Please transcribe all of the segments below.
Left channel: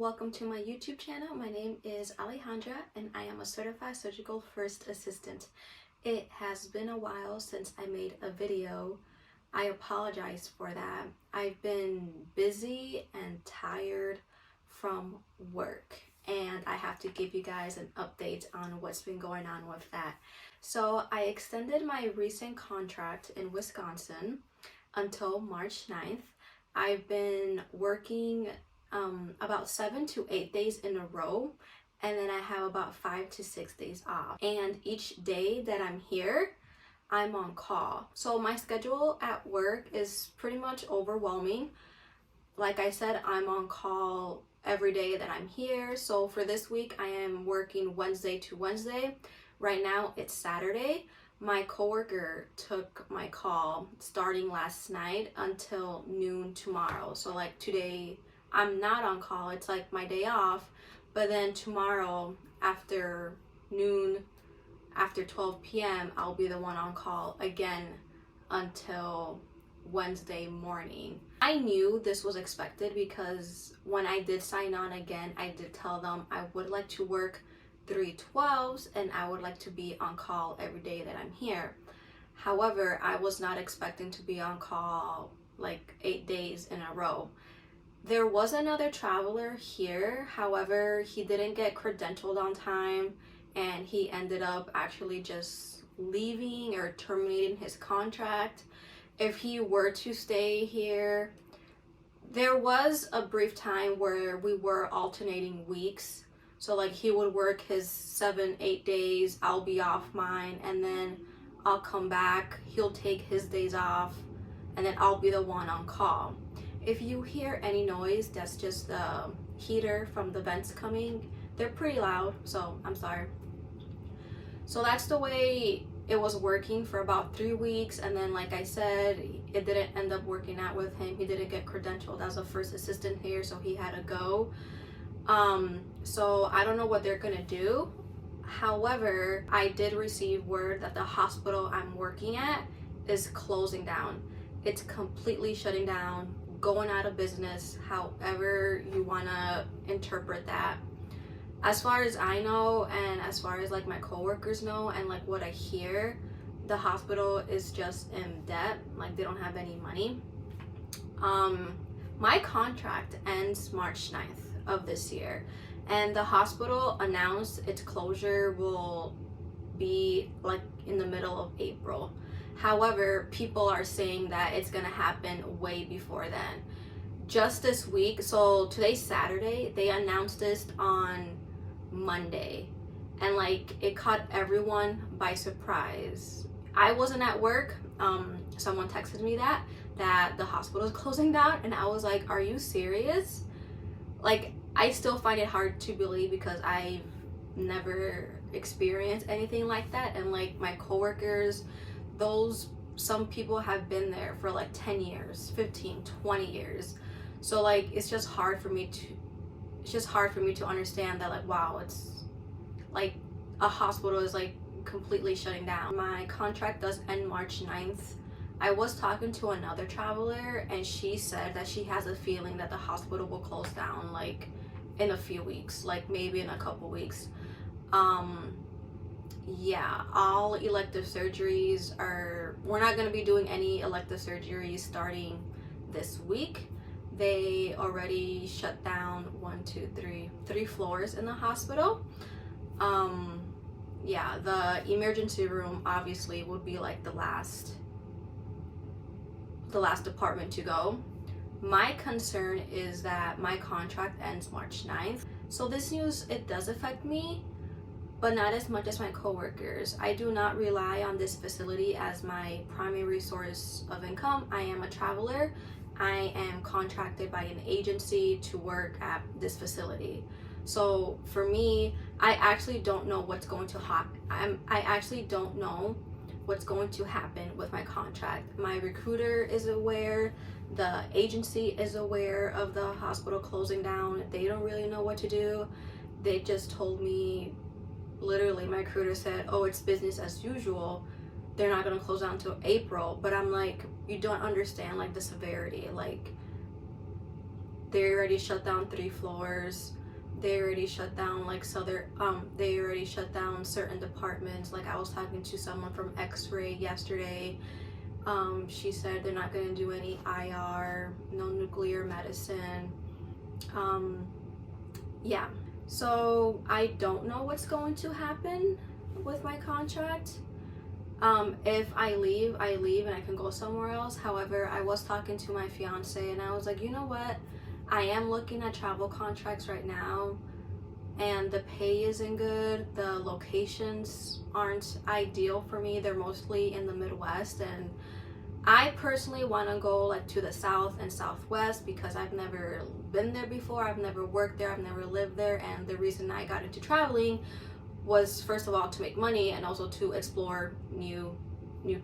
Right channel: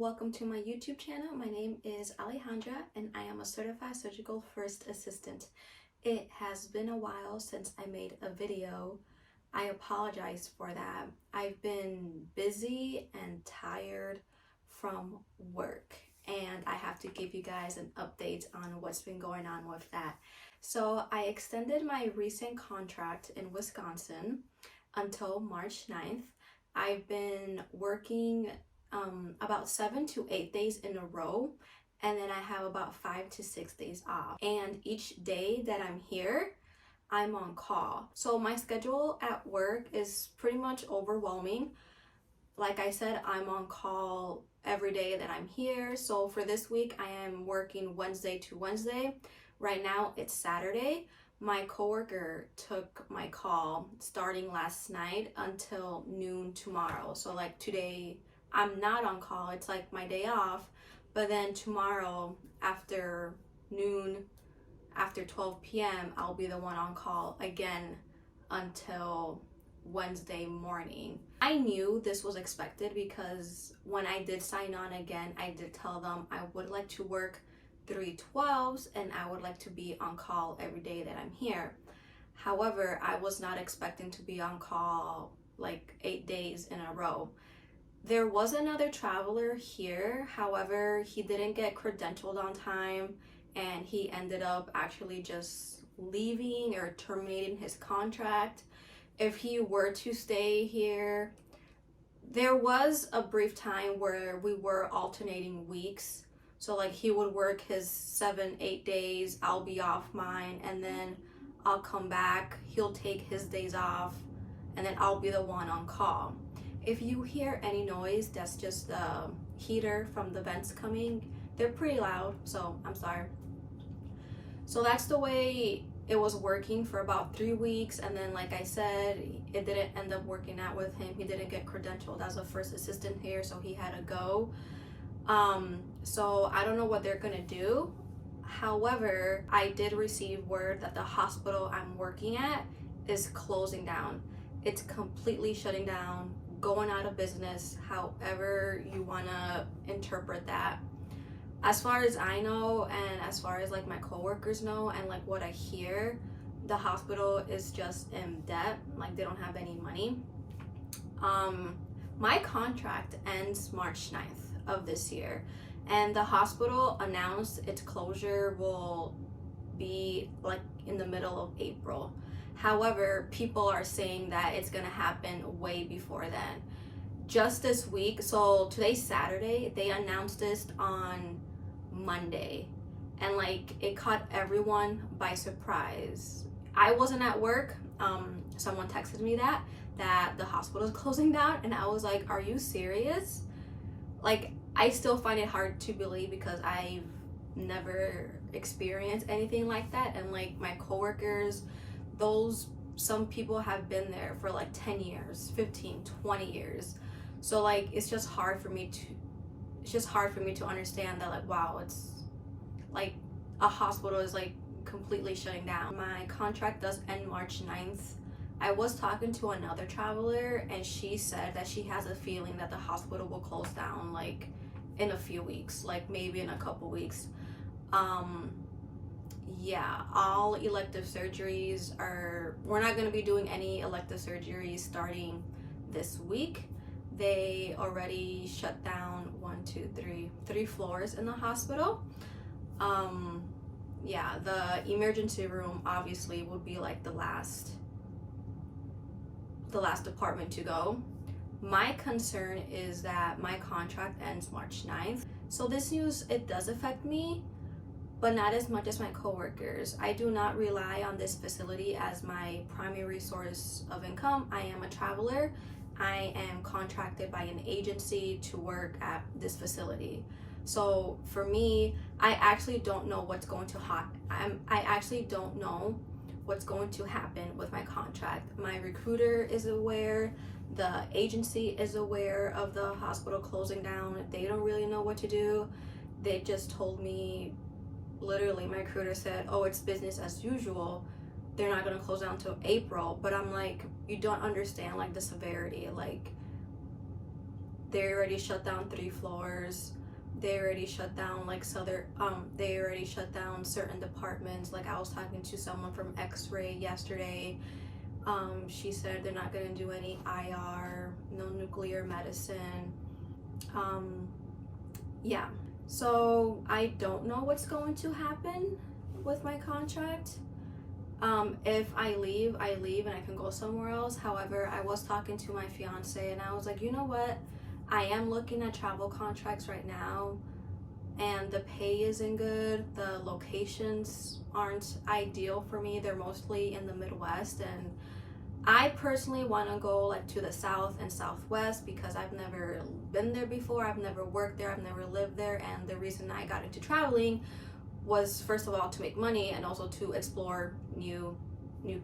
welcome to my YouTube channel. My name is Alejandra and I am a certified surgical first assistant. It has been a while since I made a video. I apologize for that. I've been busy and tired from work and I have to give you guys an update on what's been going on with that. So I extended my recent contract in Wisconsin until March 9th. I've been working about 7 to 8 days in a row, and then I have about 5 to 6 days off. And each day that I'm here, I'm on call. So my schedule at work is pretty much overwhelming. Like I said, I'm on call every day that I'm here. So for this week, I am working Wednesday to Wednesday. Right now, it's Saturday. My coworker took my call starting last night until noon tomorrow. So like today, I'm not on call. It's like my day off. But then tomorrow after noon, after 12 p.m., I'll be the one on call again until Wednesday morning. I knew this was expected because when I did sign on again, I did tell them I would like to work 3/12s and I would like to be on call every day that I'm here. However, I was not expecting to be on call like 8 days in a row. There was another traveler here, however, he didn't get credentialed on time and he ended up actually just leaving or terminating his contract. If he were to stay here, there was a brief time where we were alternating weeks. So like he would work his 7-8 days, I'll be off mine, and then I'll come back, he'll take his days off, and then I'll be the one on call. If you hear any noise, that's just the heater from the vents coming. They're pretty loud, so I'm sorry. So that's the way it was working for about 3 weeks, and then like I said, it didn't end up working out with him. He didn't get credentialed as a first assistant here, so he had to go. So I don't know what they're gonna do. However, I did receive word that the hospital I'm working at is closing down. It's completely shutting down, going out of business, however you wanna interpret that. As far as I know, and as far as like my coworkers know, and like what I hear, the hospital is just in debt, like they don't have any money. My contract ends March 9th of this year, and the hospital announced its closure will be like in the middle of April. However, people are saying that it's gonna happen way before then. Just this week, so today's Saturday, they announced this on Monday, and like it caught everyone by surprise. I wasn't at work. Someone texted me that the hospital is closing down, and I was like, are you serious? Like, I still find it hard to believe because I've never experienced anything like that. And like my coworkers, some people have been there for like 10 years, 15, 20 years. So like it's just hard for me to understand that, like, wow, it's like a hospital is like completely shutting down. My contract does end March 9th. I was talking to another traveler and she said that she has a feeling that the hospital will close down like in a few weeks, like maybe in a couple weeks. Yeah, all elective surgeries we're not going to be doing any elective surgeries starting this week. They already shut down 3 floors in the hospital. Yeah, the emergency room obviously would be like the last department to go. My concern is that my contract ends March 9th. So this news, it does affect me, but not as much as my coworkers. I do not rely on this facility as my primary source of income. I am a traveler. I am contracted by an agency to work at this facility. So for me, I actually don't know what's going to happen. I actually don't know what's going to happen with my contract. My recruiter is aware, the agency is aware of the hospital closing down. They don't really know what to do. They just told me, literally, my recruiter said, oh, it's business as usual. They're not gonna close down until April. But I'm like, you don't understand like the severity. Like they already shut down 3 floors. They already shut down like they already shut down certain departments. Like I was talking to someone from X-ray yesterday. She said they're not gonna do any IR, no nuclear medicine. Yeah. So I don't know what's going to happen with my contract. If I leave and I can go somewhere else. However, I was talking to my fiance and I was like, you know what? I am looking at travel contracts right now and the pay isn't good. The locations aren't ideal for me. They're mostly in the Midwest, and I personally want to go like to the South and Southwest because I've never been there before. I've never worked there. I've never lived there. And the reason I got into traveling was, first of all, to make money and also to explore new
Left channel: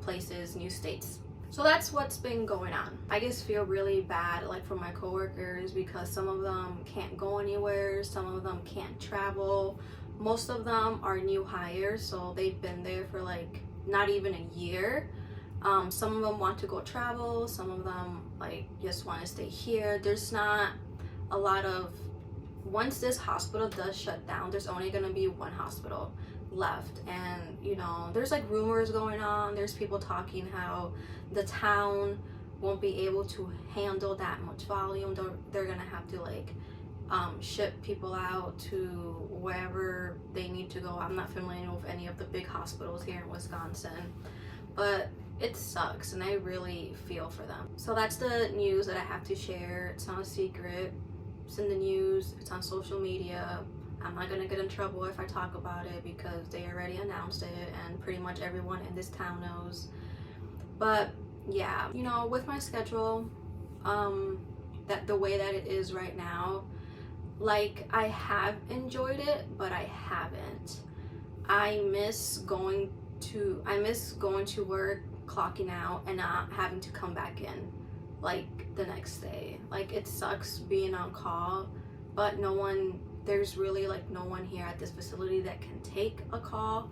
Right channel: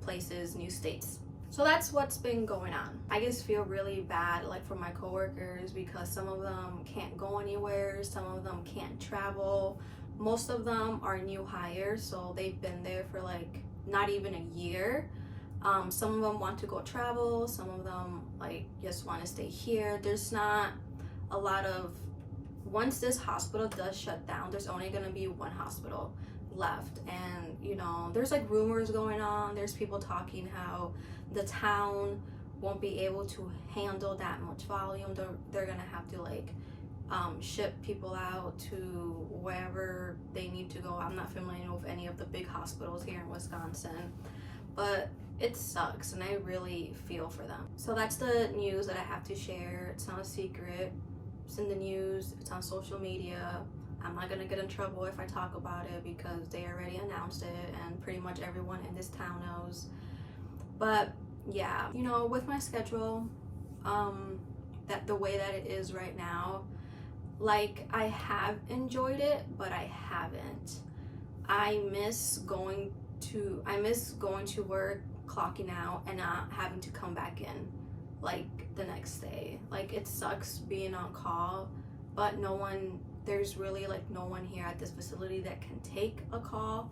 places, new states. So that's what's been going on. I just feel really bad like for my coworkers because some of them can't go anywhere, some of them can't travel. Most of them are new hires, so they've been there for like not even a year. Some of them want to go travel, some of them like just want to stay here. There's not a lot of, once this hospital does shut down, there's only going to be one hospital left. And you know, there's like rumors going on, there's people talking how the town won't be able to handle that much volume. They're gonna have to like ship people out to wherever they need to go. I'm not familiar with any of the big hospitals here in Wisconsin, but it sucks and I really feel for them. So that's the news that I have to share. It's not a secret, it's in the news, it's on social media. I'm not gonna get in trouble if I talk about it because they already announced it and pretty much everyone in this town knows. But yeah, you know, with my schedule, that the way that it is right now, like I have enjoyed it, but I haven't. I miss going to work, clocking out, and not having to come back in like the next day. Like it sucks being on call, but there's really like no one here at this facility that can take a call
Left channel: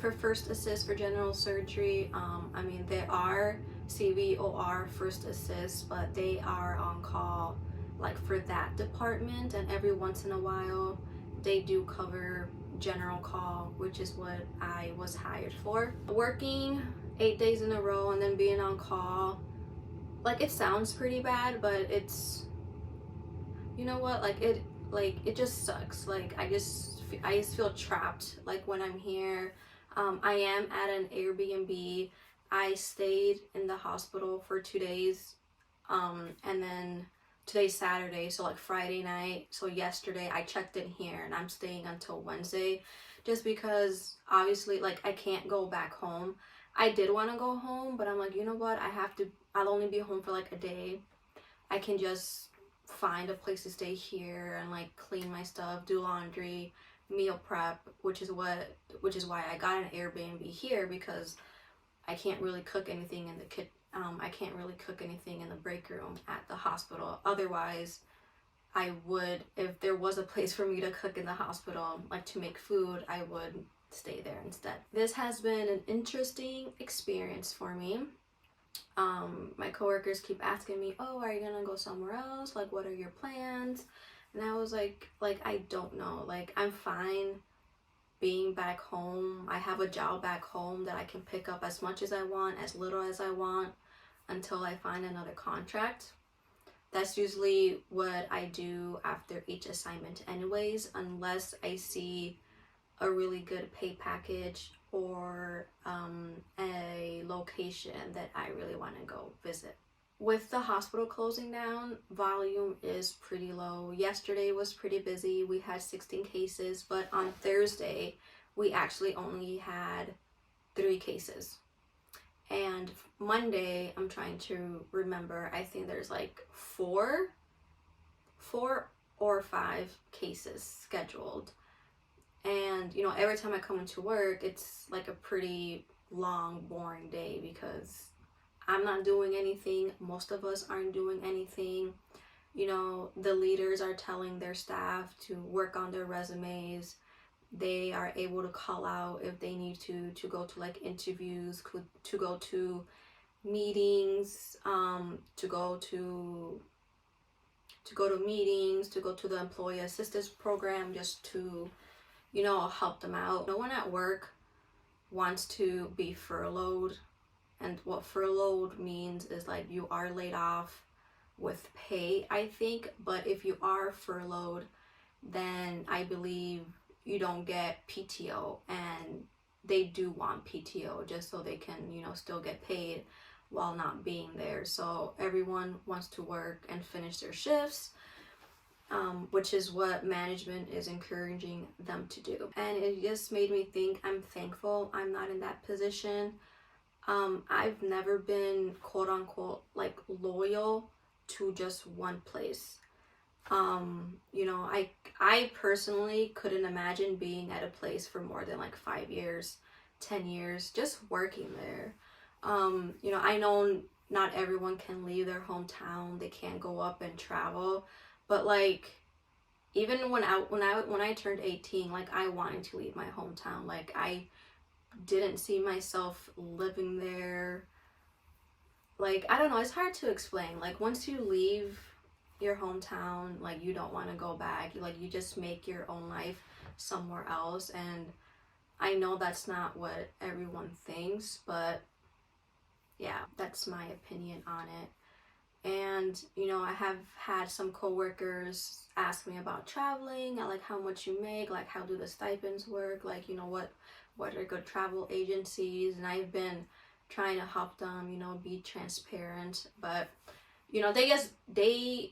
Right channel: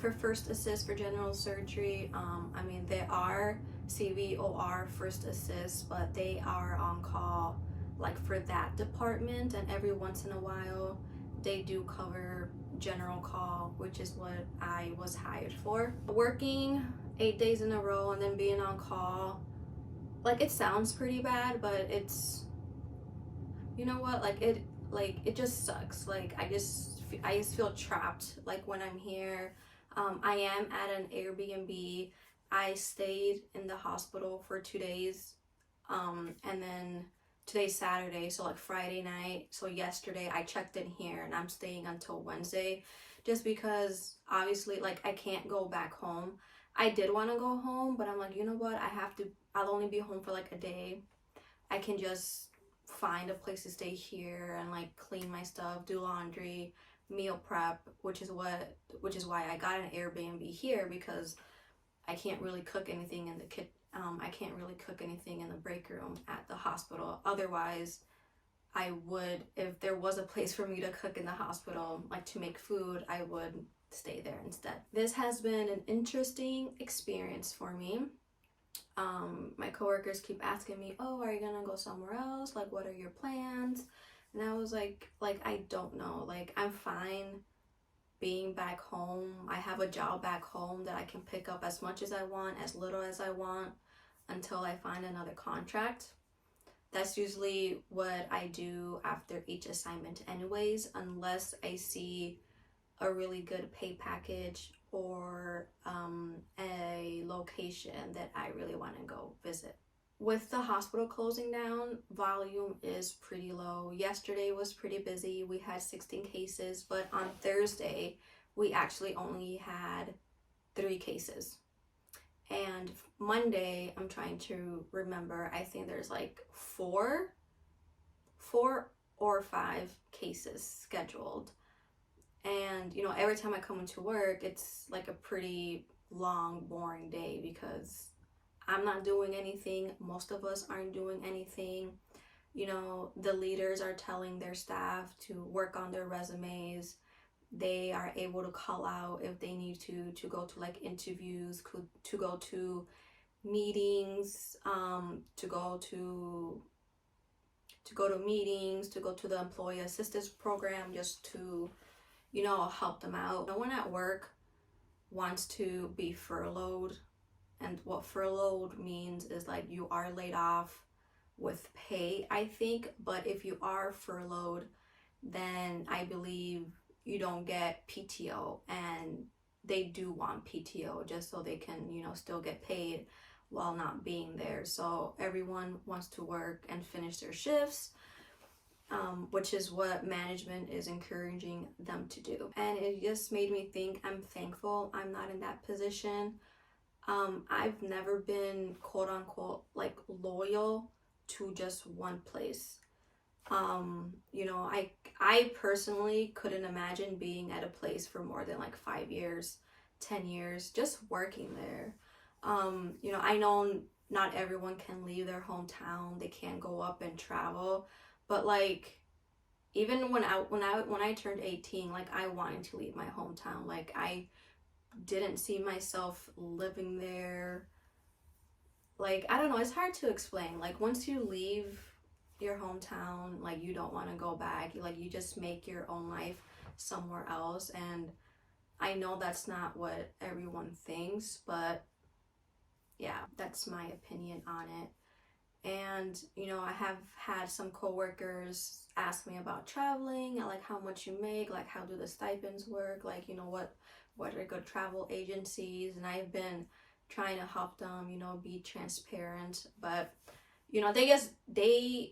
for first assist for general surgery. I mean, there are CVOR first assist, but they are on call like for that department, and every once in a while they do cover general call, which is what I was hired for. Working 8 days in a row and then being on call, like it sounds pretty bad, but it's, you know what, it just sucks. Like I just feel trapped like when I'm here. I am at an Airbnb. I stayed in the hospital for 2 days, and then today's Saturday, so like Friday night. So yesterday I checked in here and I'm staying until Wednesday, just because obviously like I can't go back home. I did want to go home, but I'm like, you know what, I'll only be home for like a day. I can just find a place to stay here and like clean my stuff, do laundry, meal prep, which is why I got an Airbnb here, because I can't really cook anything in the kitchen. I can't really cook anything in the break room at the hospital. Otherwise, I would, if there was a place for me to cook in the hospital, like to make food, I would stay there instead. This has been an interesting experience for me. My coworkers keep asking me, oh, are you gonna go somewhere else? Like, what are your plans? And I was like, I don't know. Like, I'm fine being back home. I have a job back home that I can pick up as much as I want, as little as I want, until I find another contract. That's usually what I do after each assignment anyways, unless I see a really good pay package or a location that I really want to go visit. With the hospital closing down, volume is pretty low. Yesterday was pretty busy. We had 16 cases, but on Thursday, we actually only had 3 cases. And Monday, I'm trying to remember, I think there's like 4 or 5 cases scheduled. And, you know, every time I come into work, it's like a pretty long, boring day because I'm not doing anything. Most of us aren't doing anything. You know, the leaders are telling their staff to work on their resumes. They are able to call out if they need to go to like interviews, to go to meetings, to go to to go to meetings, to go to the employee assistance program, just to, help them out. No one at work wants to be furloughed. And what furloughed means is like you are laid off with pay, I think. But if you are furloughed, then I believe you don't get PTO, and they do want PTO just so they can, still get paid while not being there. So everyone wants to work and finish their shifts, which is what management is encouraging them to do. And it just made me think, I'm thankful I'm not in that position. I've never been quote unquote like loyal to just one place. I personally couldn't imagine being at a place for more than like 5 years, 10 years, just working there. I know not everyone can leave their hometown. They can't go up and travel, but like even when I turned 18, like I wanted to leave my hometown. Like I didn't see myself living there. Like I don't know, it's hard to explain. Like once you leave your hometown, like you don't want to go back. You just make your own life somewhere else. And I know that's not what everyone thinks, but yeah, that's my opinion on it. And I have had some coworkers ask me about traveling, like how much you make, like how do the stipends work, like what are good travel agencies. And I've been trying to help them, be transparent. But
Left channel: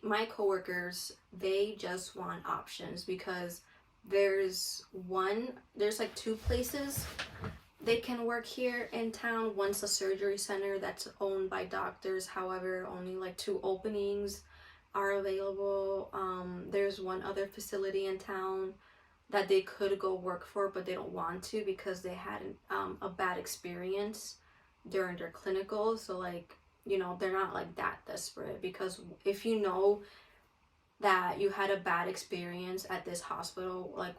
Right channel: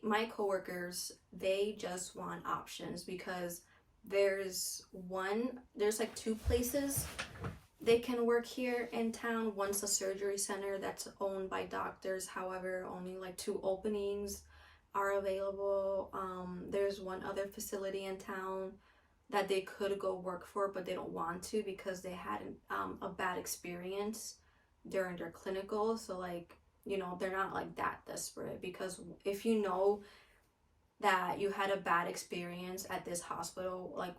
my coworkers, they just want options, because there's like two places they can work here in town. One's a surgery center that's owned by doctors. However, only like 2 openings are available. There's one other facility in town that they could go work for, but they don't want to because they had a bad experience during their clinical. So like, they're not like that desperate, because if that you had a bad experience at this hospital, like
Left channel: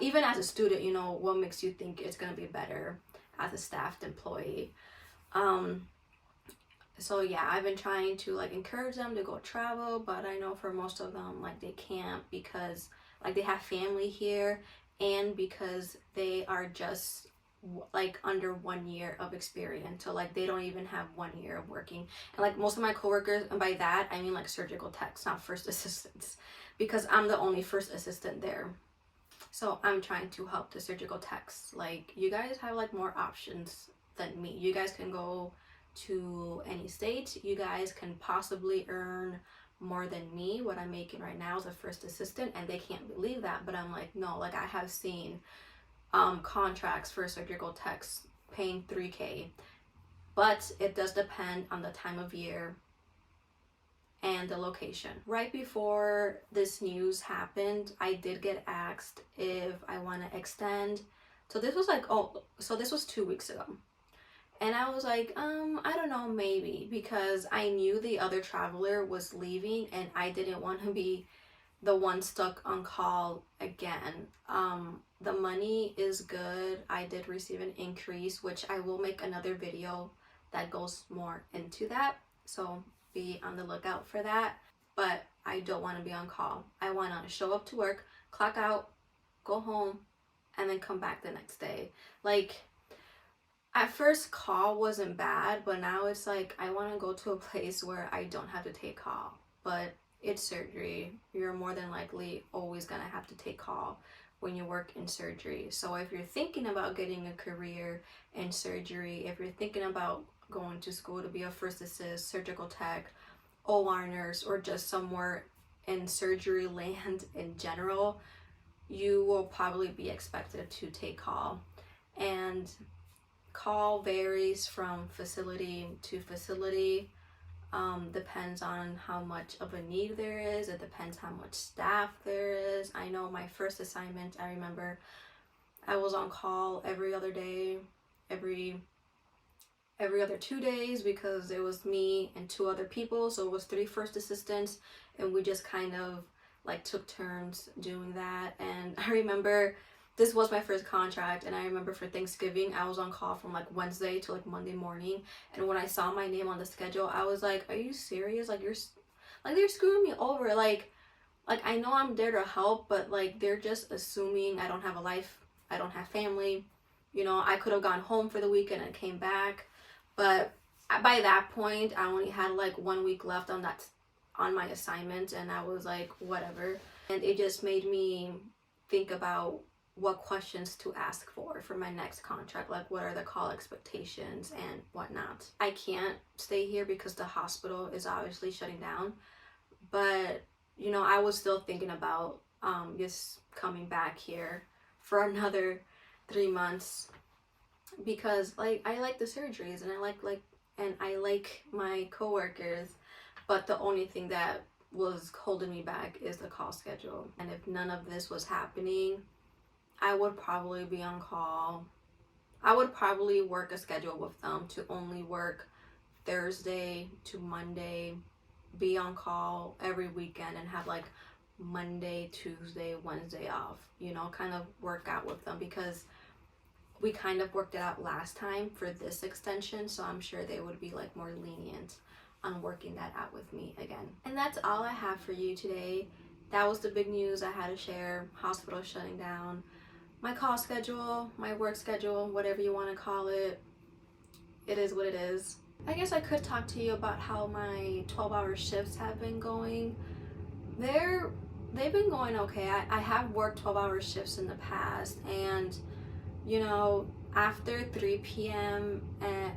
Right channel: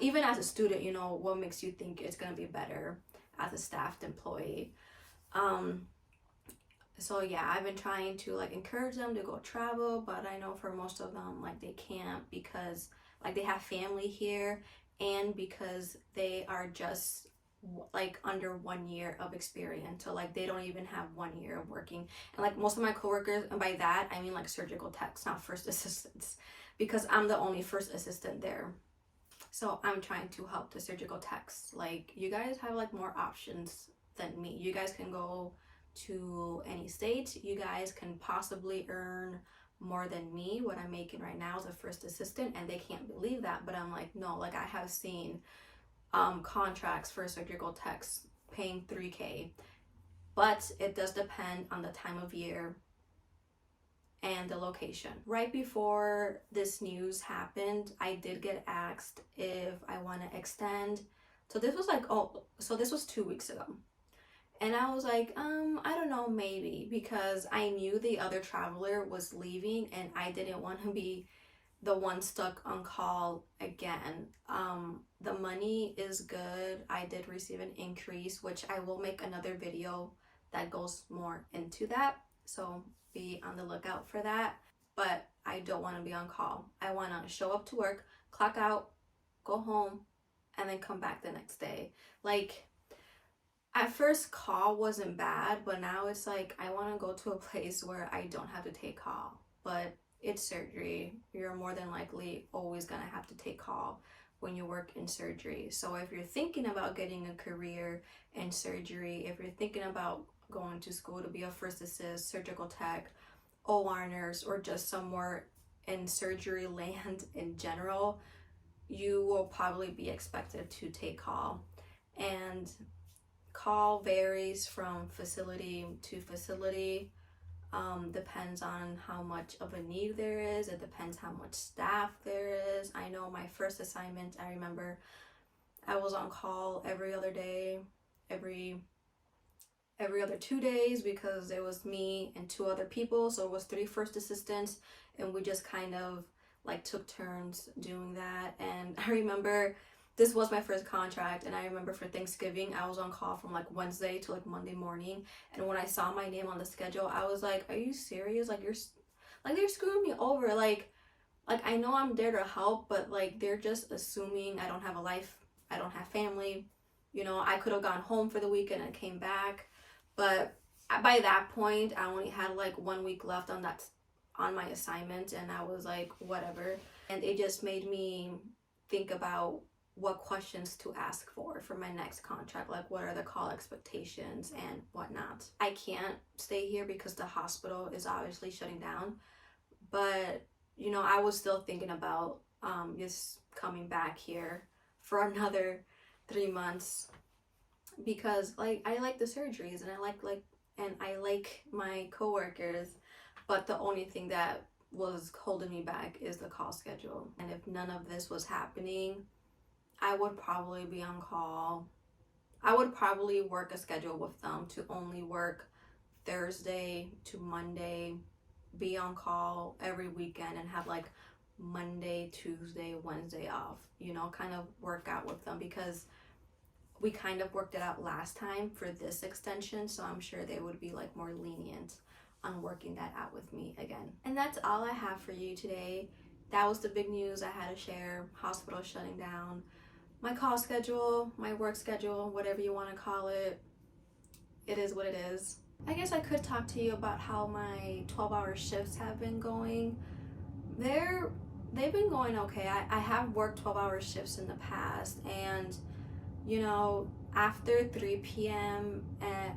even as a student, what makes you think it's going to be better as a staffed employee. So yeah, I've been trying to like encourage them to go travel, but I know for most of them, like they can't, because like they have family here, and because they are just like under 1 year of experience. So like they don't even have 1 year of working. And like most of my coworkers, and by that I mean like surgical techs, not first assistants, because I'm the only first assistant there. So I'm trying to help the surgical techs. Like you guys have like more options than me. You guys can go to any state. You guys can possibly earn more than me, what I'm making right now as a first assistant, and they can't believe that. But I'm like, no, like I have seen contracts for surgical techs paying $3,000, but it does depend on the time of year and the location. Right before this news happened, I did get asked if I want to extend. So this was 2 weeks ago. And I was like, I don't know, maybe, because I knew the other traveler was leaving and I didn't want to be the one stuck on call again. The money is good. I did receive an increase, which I will make another video that goes more into that. So be on the lookout for that. But I don't want to be on call. I want to show up to work, clock out, go home, and then come back the next day. Like, at first call wasn't bad, but now it's like I want to go to a place where I don't have to take call. But it's surgery. You're more than likely always going to have to take call when you work in surgery. So if you're thinking about getting a career in surgery, if you're thinking about going to school to be a first assist, surgical tech, OR nurse, or just somewhere in surgery land in general, you will probably be expected to take call. And call varies from facility to facility. Depends on how much of a need there is. It depends how much staff there is. I know my first assignment, I remember I was on call every other day, every other 2 days, because it was me and 2 other people. So it was 3 first assistants, and we just kind of like took turns doing that. And I remember this was my first contract, and I remember for Thanksgiving, I was on call from like Wednesday to like Monday morning. And when I saw my name on the schedule, I was like, are you serious? Like they're screwing me over. Like Like, I know I'm there to help, but like they're just assuming I don't have a life, I don't have family. You know, I could have gone home for the weekend and came back, but by that point I only had like 1 week left on my assignment, and I was like, whatever. And it just made me think about what questions to ask for my next contract, like what are the call expectations and whatnot. I can't stay here because the hospital is obviously shutting down, but you know, I was still thinking about just coming back here for another 3 months, because like I like the surgeries and I like my coworkers, but the only thing that was holding me back is the call schedule. And if none of this was happening, I would probably be on call. I would probably work a schedule with them to only work Thursday to Monday, be on call every weekend, and have like Monday, Tuesday, Wednesday off, you know, kind of work out with them, because we kind of worked it out last time for this extension, so I'm sure they would be like more lenient on working that out with me again. And that's all I have for you today. That was the big news I had to share. Hospital shutting down. My call schedule, my work schedule, whatever you want to call it, it is what it is. I guess I could talk to you about how my 12-hour shifts have been going. They've been going okay. I have worked 12-hour shifts in the past, and you know, after 3 p.m.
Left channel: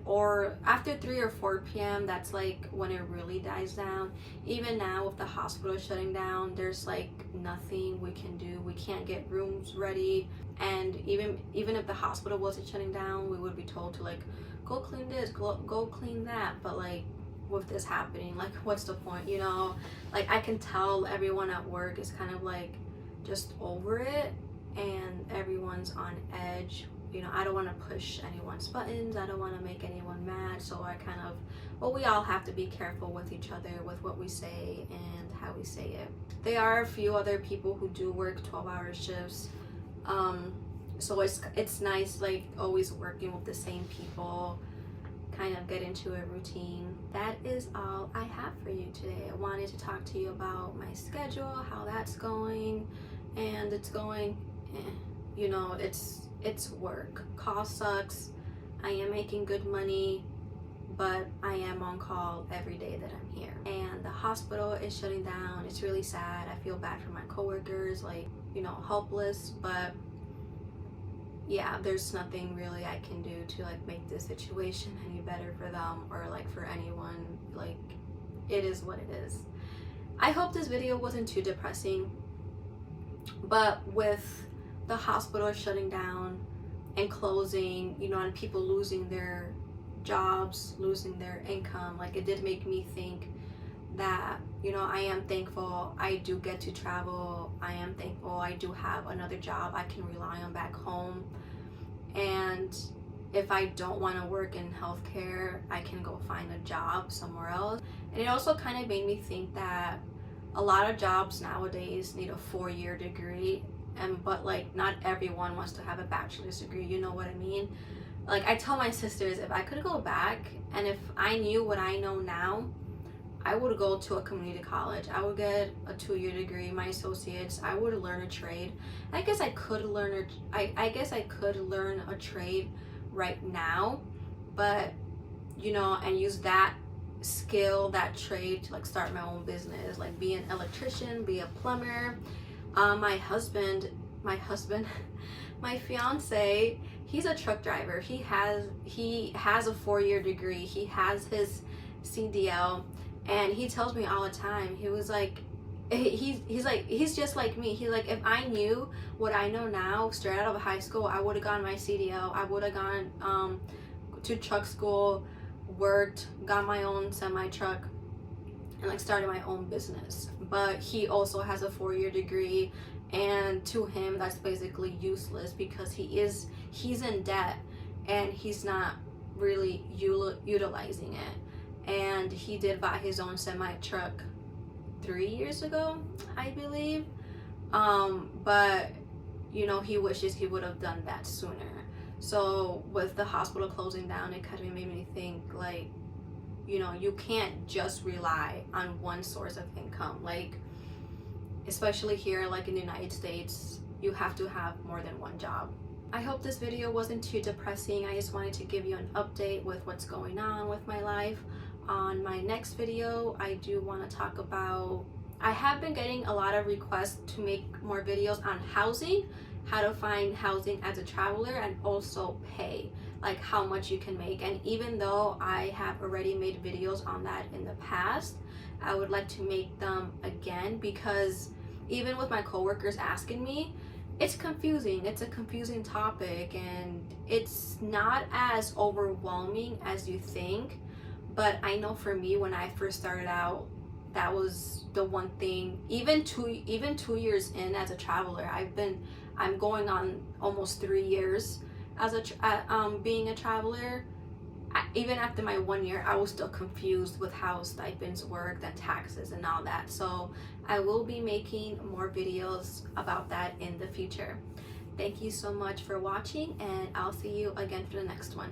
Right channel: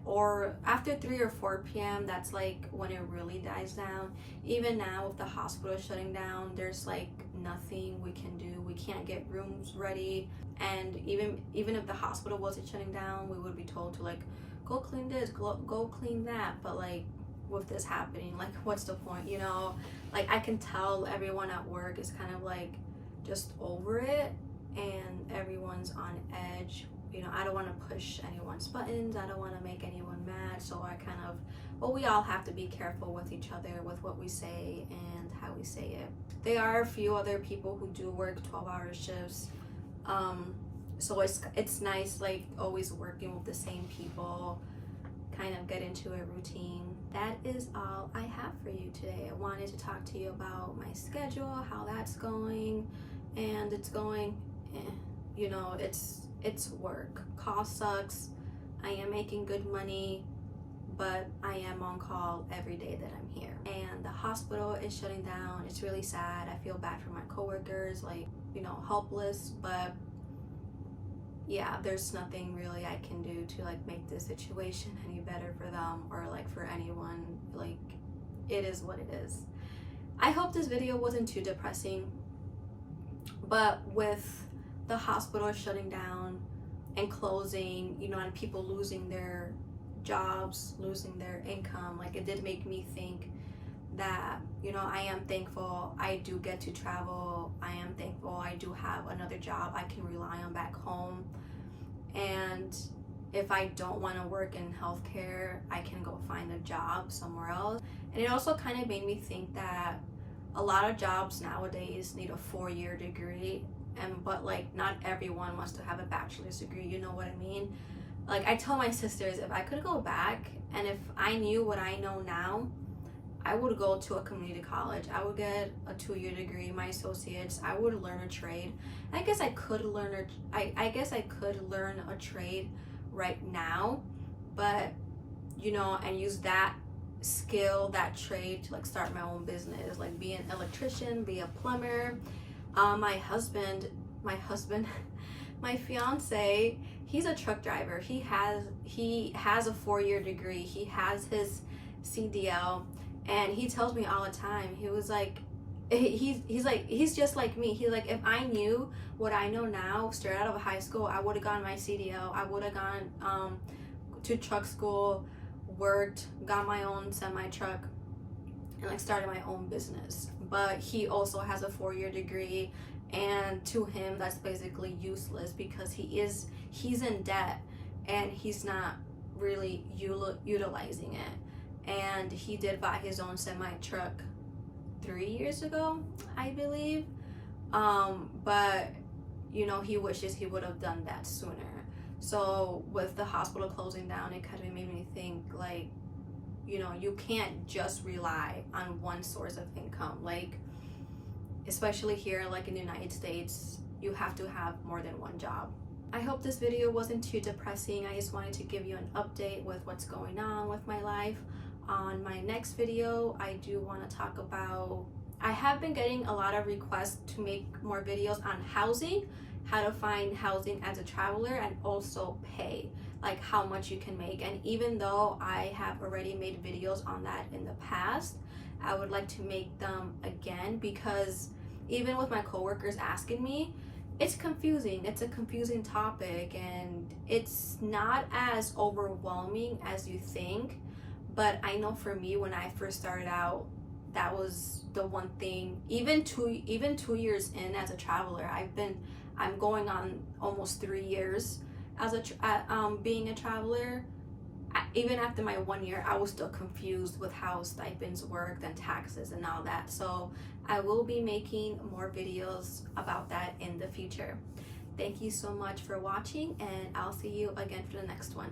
Or after 3 or 4 p.m., that's like when it really dies down. Even now with the hospital shutting down, there's like nothing we can do. We can't get rooms ready, and even if the hospital wasn't shutting down, we would be told to like go clean this, go clean that. But like with this happening, like what's the point, you know? Like I can tell everyone at work is kind of like just over it, and everyone's on edge. You know, I don't want to push anyone's buttons, I don't want to make anyone mad, so I kind of, well, we all have to be careful with each other, with what we say and how we say it. There are a few other people who do work 12-hour shifts, so it's nice, like always working with the same people, kind of get into a routine. That is all I have for you today. I wanted to talk to you about my schedule, how that's going, and it's going, you know, it's work. Call sucks. I am making good money, but I am on call every day that I'm here. And the hospital is shutting down. It's really sad. I feel bad for my coworkers, like, you know, helpless, but yeah, there's nothing really I can do to like make this situation any better for them or like for anyone. Like, it is what it is. I hope this video wasn't too depressing, but with the hospital shutting down and closing, you know, and people losing their jobs, losing their income, like it did make me think that, you know, I am thankful I do get to travel. I am thankful I do have another job I can rely on back home. And if I don't want to work in healthcare, I can go find a job somewhere else. And it also kind of made me think that a lot of jobs nowadays need a 4-year degree, but like not everyone wants to have a bachelor's degree, you know what I mean? Like I tell my sisters, if I could go back and if I knew what I know now, I would go to a community college. I would get a 2-year degree, my associates. I would learn a trade. I guess I could learn a trade right now, but you know, and use that skill, that trade to like start my own business, like be an electrician, be a plumber. My husband, my fiance, he's a truck driver. He has a 4-year degree. He has his CDL, and he tells me all the time, he was like, he's just like me. He's like, if I knew what I know now straight out of high school, I would have gotten my CDL. I would have gone to truck school, worked, got my own semi truck, and like started my own business. But he also has a 4-year degree, and to him that's basically useless because he's in debt and he's not really utilizing it. And he did buy his own semi truck 3 years ago, I believe, but you know, he wishes he would have done that sooner. So with the hospital closing down, it kind of made me think, like, you know, you can't just rely on one source of income. Like, especially here like in the United States, you have to have more than one job. I hope this video wasn't too depressing. I just wanted to give you an update with what's going on with my life. On my next video, I do want to talk about, I have been getting a lot of requests to make more videos on housing, how to find housing as a traveler, and also pay, like how much you can make. And even though I have already made videos on that in the past, I would like to make them again, because even with my coworkers asking me, it's confusing. It's a confusing topic, and it's not as overwhelming as you think. But I know for me, when I first started out, that was the one thing. Even two years in as a traveler, I'm going on almost 3 years as being a traveler. Even after my 1 year, I was still confused with how stipends worked and taxes and all that. So I will be making more videos about that in the future. Thank you so much for watching, and I'll see you again for the next one.